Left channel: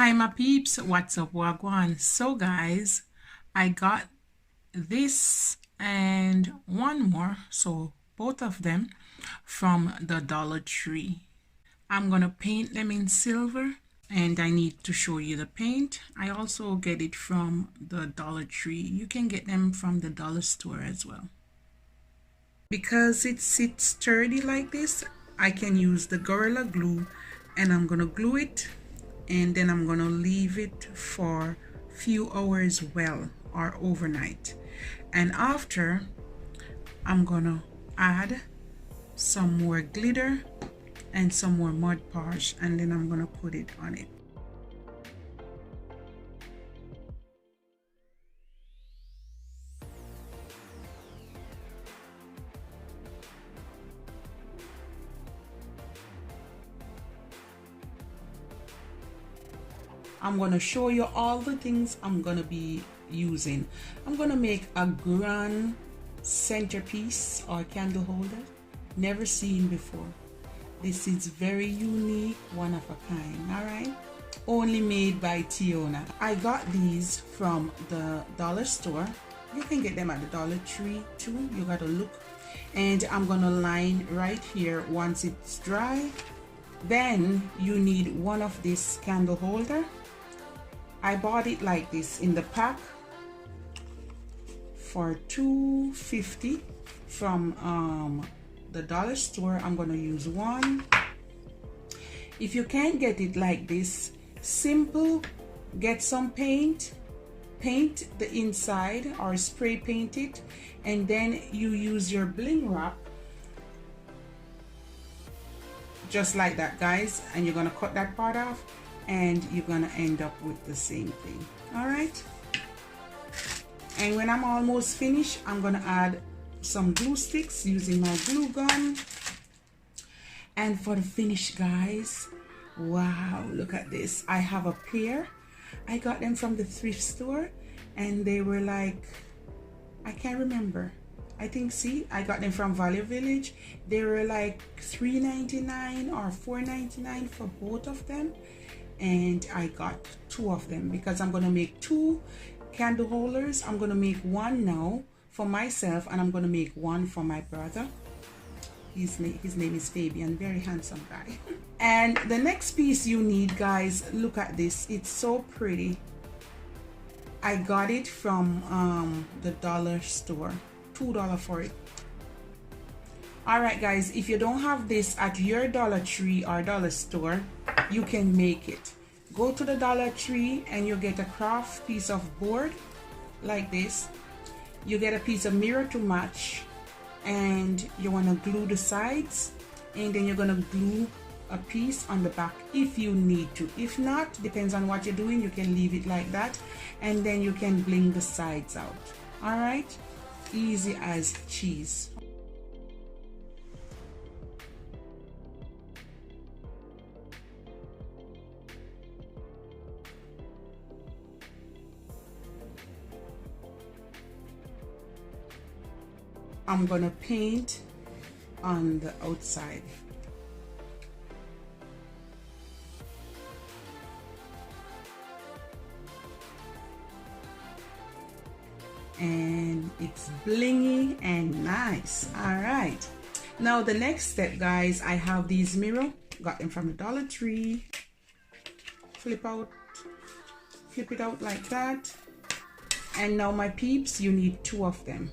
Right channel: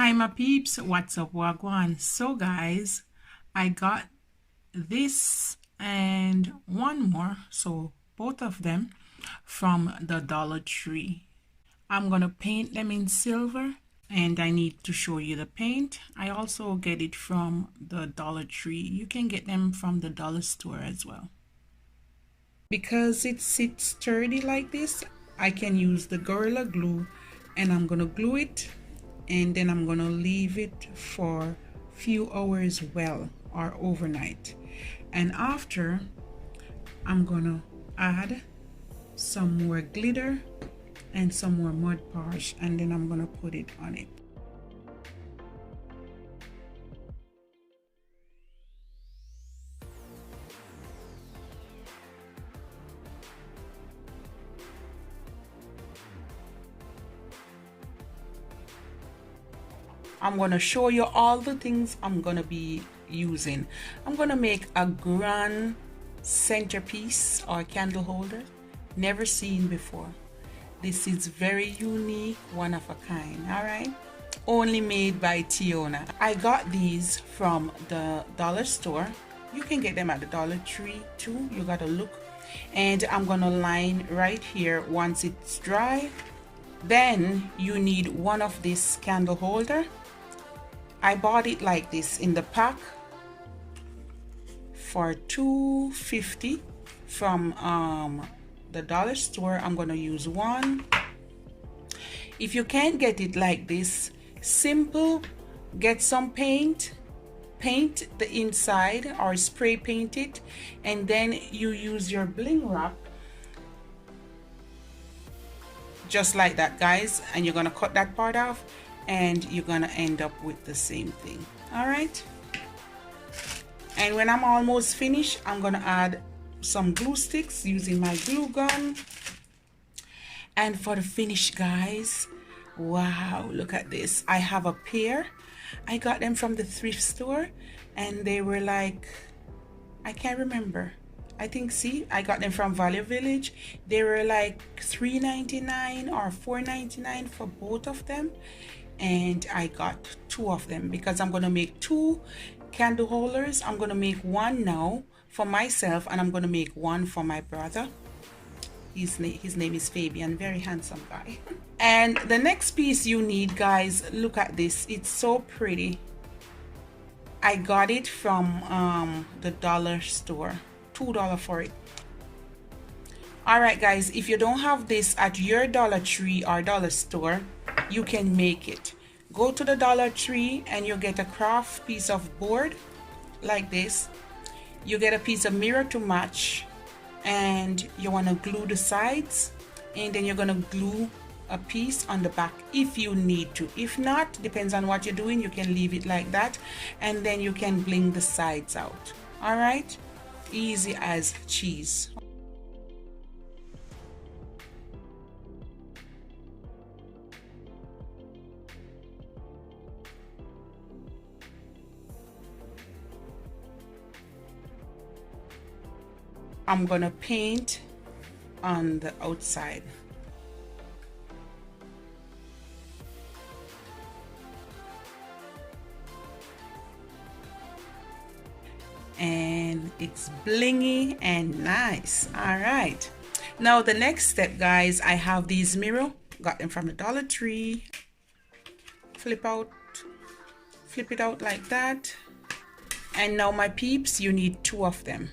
Hi my peeps, what's up, wagwan? So guys, I got this and one more, so both of them from the Dollar Tree. I'm gonna paint them in silver and I need to show you the paint. I also get it from the Dollar Tree. You can get them from the dollar store as well. Because it sits sturdy like this, I can use the Gorilla Glue and I'm gonna glue it and then I'm gonna leave it for a few hours well or overnight, and after I'm gonna add some more glitter and some more Mod Podge and then I'm gonna put it on it. I'm gonna show you all the things I'm gonna be using. I'm gonna make a grand centerpiece or candle holder, never seen before. This is very unique, one of a kind, all right? Only made by Tiona. I got these from the dollar store. You can get them at the Dollar Tree too, you gotta look. And I'm gonna line right here once it's dry. Then you need one of this candle holder. I bought it like this in the pack for $2.50 from the dollar store. I'm gonna use one. If you can't get it like this, simple, get some paint the inside or spray paint it, and then you use your bling wrap just like that, guys, and you're gonna cut that part off and you're gonna end up with the same thing. All right, and when I'm almost finished, I'm gonna add some glue sticks using my glue gun. And for the finish, guys, wow, look at this. I have a pair. I got them from the thrift store and they were like, I can't remember, I think, see, I got them from Value Village. They were like $3.99 or $4.99 for both of them, and I got two of them because I'm gonna make two candle holders. I'm gonna make one now for myself and I'm gonna make one for my brother. His name is Fabian, very handsome guy. And the next piece you need, guys, look at this, it's so pretty. I got it from the dollar store, $2 for it. All right, guys, if you don't have this at your Dollar Tree or dollar store, you can make it. Go to the Dollar Tree and you get a craft piece of board like this. You get a piece of mirror to match, and you want to glue the sides, and then you're going to glue a piece on the back if you need to. If not, depends on what you're doing, you can leave it like that, and then you can bling the sides out. All right, easy as cheese. I'm gonna paint on the outside. And it's blingy and nice. All right, now the next step, guys, I have these mirror, got them from the Dollar Tree. Flip it out like that. And now my peeps, you need two of them.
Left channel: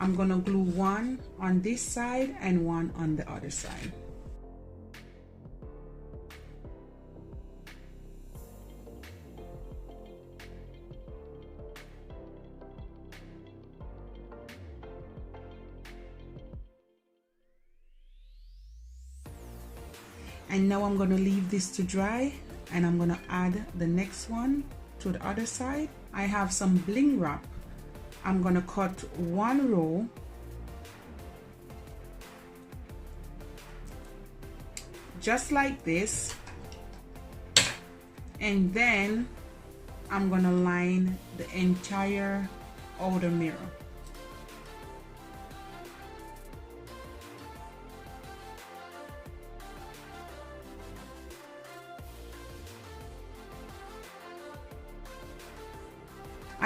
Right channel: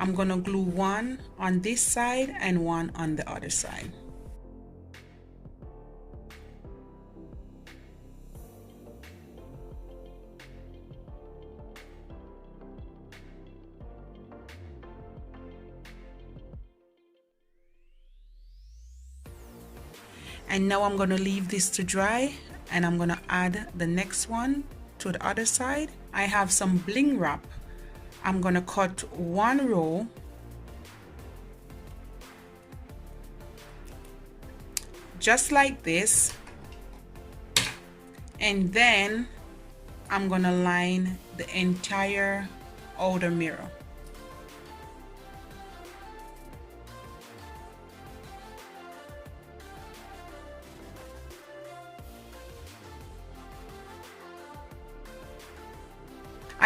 I'm gonna glue one on this side and one on the other side. And now I'm gonna leave this to dry and I'm gonna add the next one to the other side. I have some bling wrap. I'm gonna cut one row just like this, and then I'm gonna line the entire outer mirror.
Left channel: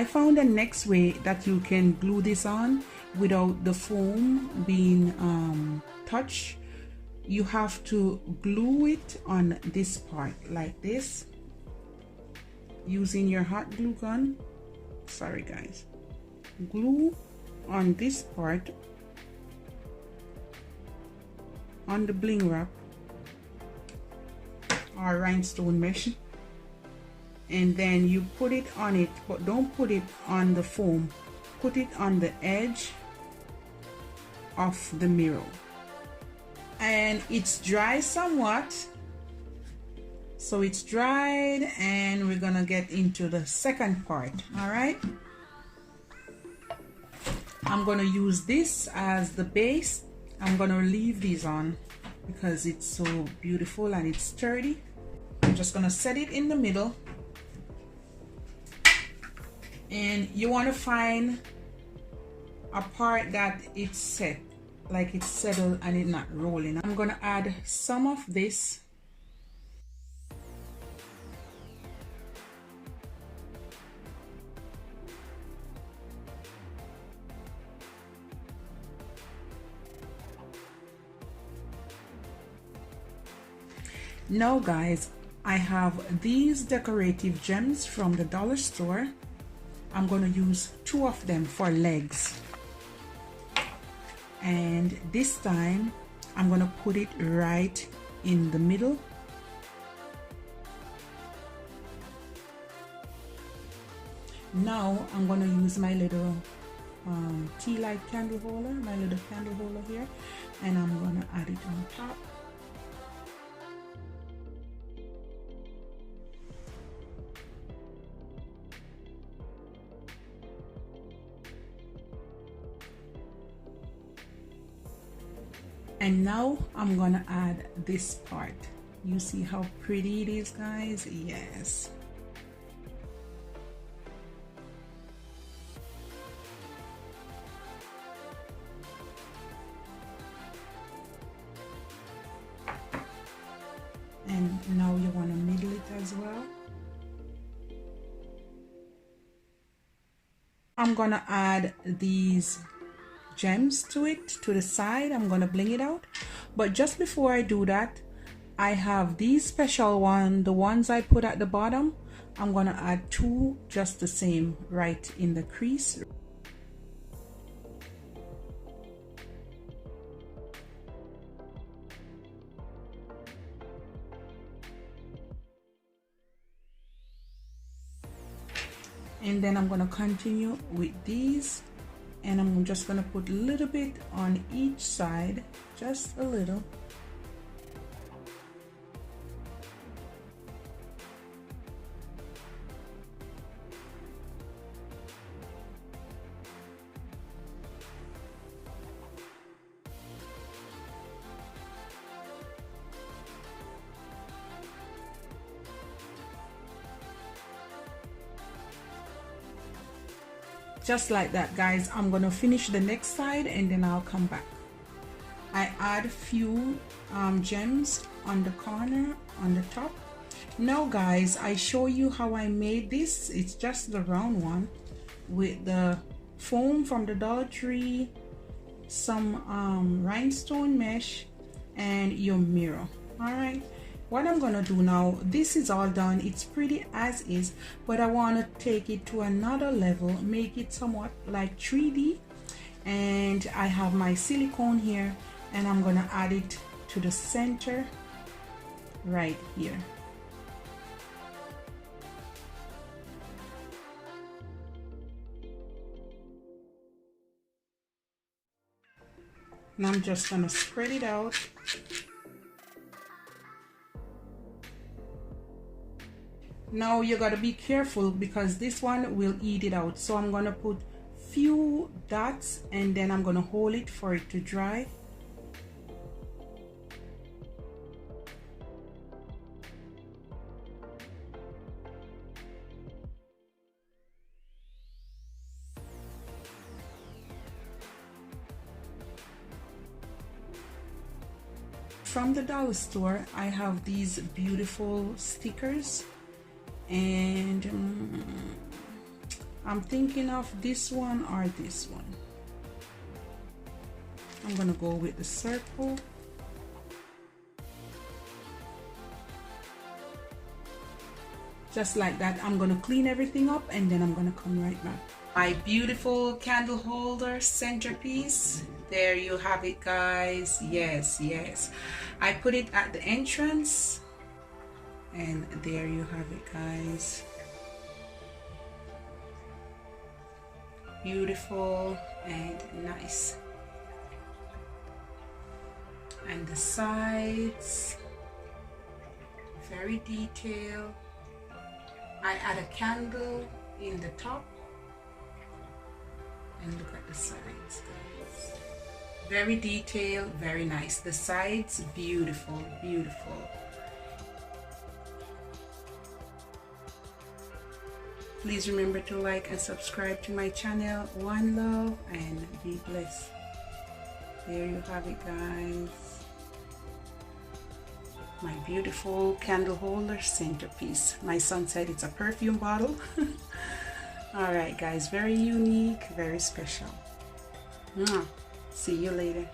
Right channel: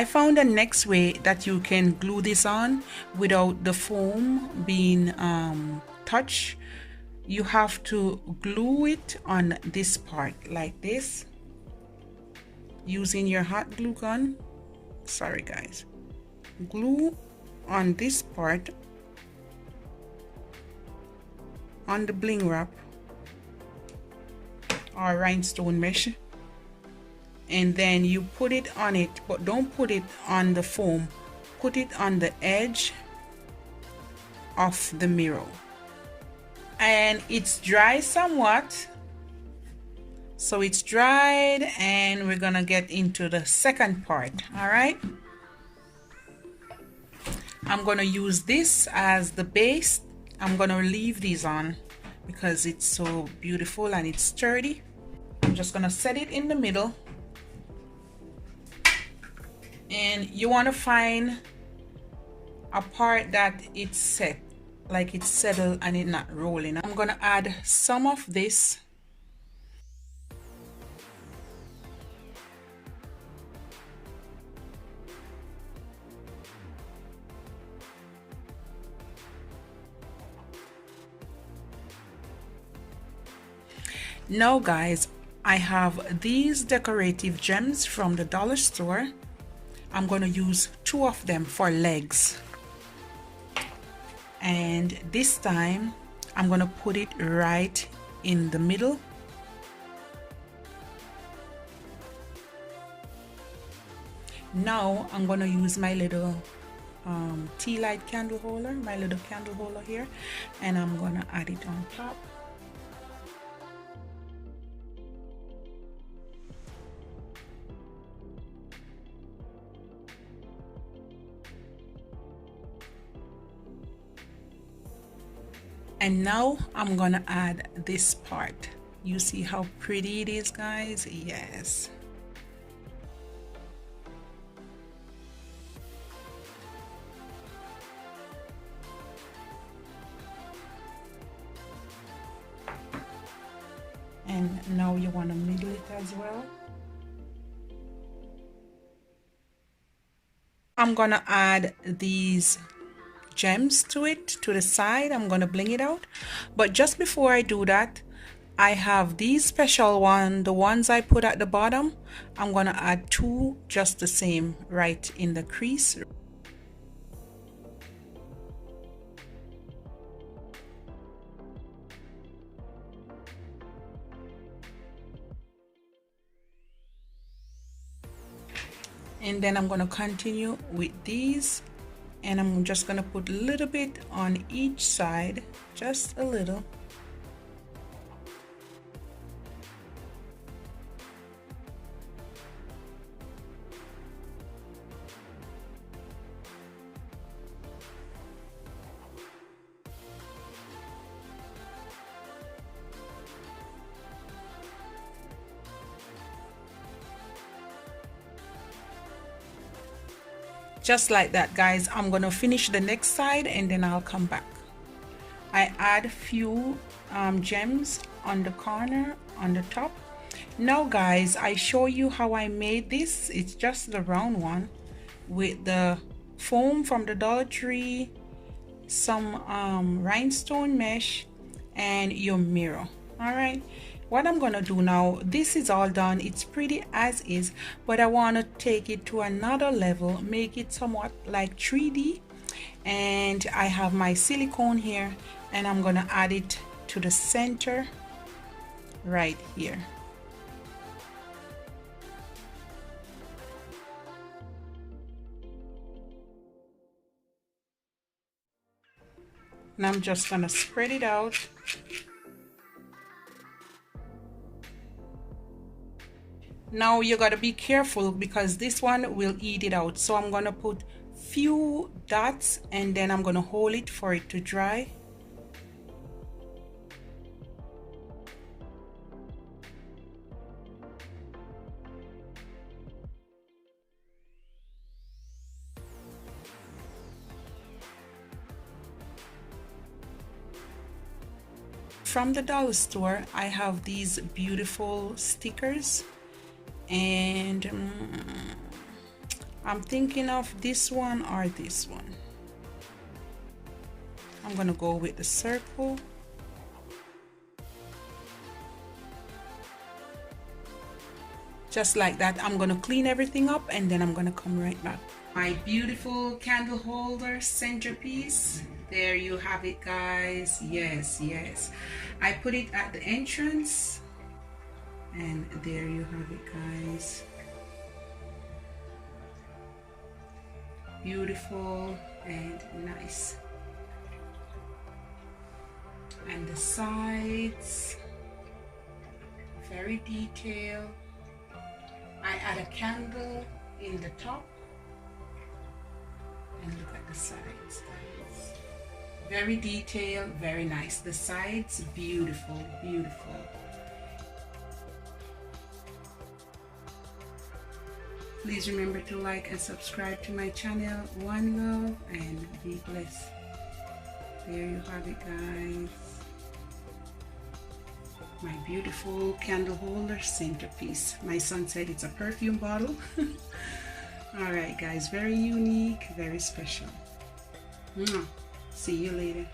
I found the next way that you can glue this on without the foam being touched. You have to glue it on this part like this using your hot glue gun. Sorry guys. Glue on this part on the bling wrap or rhinestone mesh, and then you put it on it, but don't put it on the foam, put it on the edge of the mirror. And it's dry somewhat, so it's dried, and we're gonna get into the second part. All right, I'm gonna use this as the base. I'm gonna leave these on because it's so beautiful and it's sturdy. I'm just gonna set it in the middle, and you want to find a part that it's set, like it's settled and it's not rolling. I'm gonna add some of this. Now guys, I have these decorative gems from the dollar store. I'm going to use 2 of them for legs, and this time I'm going to put it right in the middle. Now I'm going to use my little tea light candle holder, my little candle holder here, and I'm going to add it on top. And now I'm gonna add this part. You see how pretty it is, guys? Yes. And now you want to middle it as well. I'm gonna add these gems to it, to the side. I'm gonna bling it out, but just before I do that, I have these special one, the ones I put at the bottom. I'm gonna add 2 just the same right in the crease. And then I'm going to continue with these, and I'm just going to put a little bit on each side, just a little. Just like that, guys. I'm gonna finish the next side and then I'll come back. I add a few gems on the corner, on the top. Now guys, I show you how I made this. It's just the round one with the foam from the Dollar Tree, some rhinestone mesh, and your mirror. All right, what I'm gonna do now, this is all done, it's pretty as is, but I want to take it to another level, make it somewhat like 3D. And I have my silicone here, and I'm gonna add it to the center right here. And I'm just gonna spread it out. Now you gotta be careful because this one will eat it out. So I'm gonna put few dots and then I'm gonna hold it for it to dry. From the dollar store, I have these beautiful stickers, and I'm thinking of this one or this one. I'm gonna go with the circle. Just like that. I'm gonna clean everything up and then I'm gonna come right back. My beautiful candle holder centerpiece. There you have it, guys. Yes, yes. I put it at the entrance and there you have it, guys. Beautiful and nice. And the sides, very detailed. I add a candle in the top and look at the sides, guys. Very detailed, very nice. The sides, beautiful, beautiful. Please remember to like and subscribe to my channel. One love and be blessed. There you have it, guys. My beautiful candle holder centerpiece. My son said it's a perfume bottle. All right, guys, very unique, very special. See you later.